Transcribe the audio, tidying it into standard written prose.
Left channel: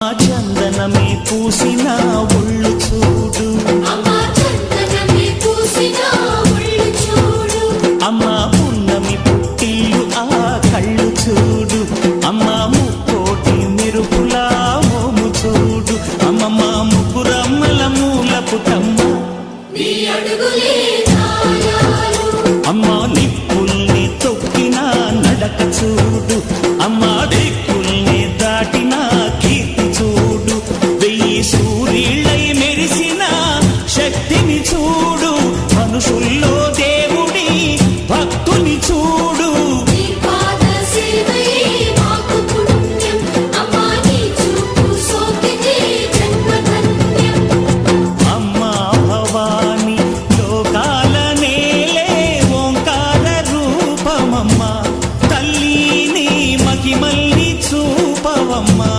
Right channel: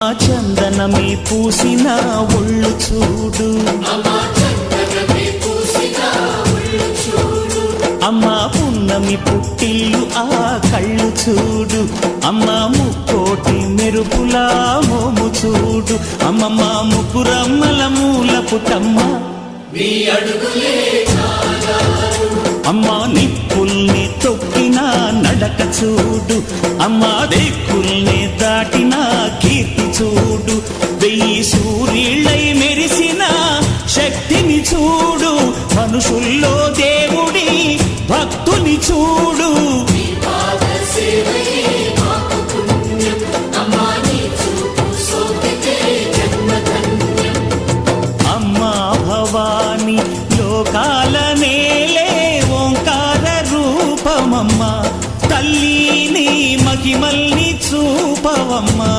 చందనమే పూసిన ఒళ్ళు చూడు, అమ్మ పున్నమి పుట్టిల్లు ఆ కళ్ళు చూడు, అమ్మ ముక్కోటి మెరుపులా మోము చూడు, అమ్మమ్మ ముగ్గురమ్మల మూల పుట్టమ్మ అమ్మ నిప్పుల్ని తొక్కిన నడక చూడు, అమ్మ దిక్కుల్ని దాటిన కీర్తి చూడు, 1000 సూర్యుళ్ళై మెరిసిన శక్తిని చూడు, మనుషుల్లో దేవుడి భక్తుని చూడు. అమ్మా భవాని లోకాల నేలే ఓంకార రూపమమ్మా, తల్లిని మహిమల్ని చూపవమ్మా.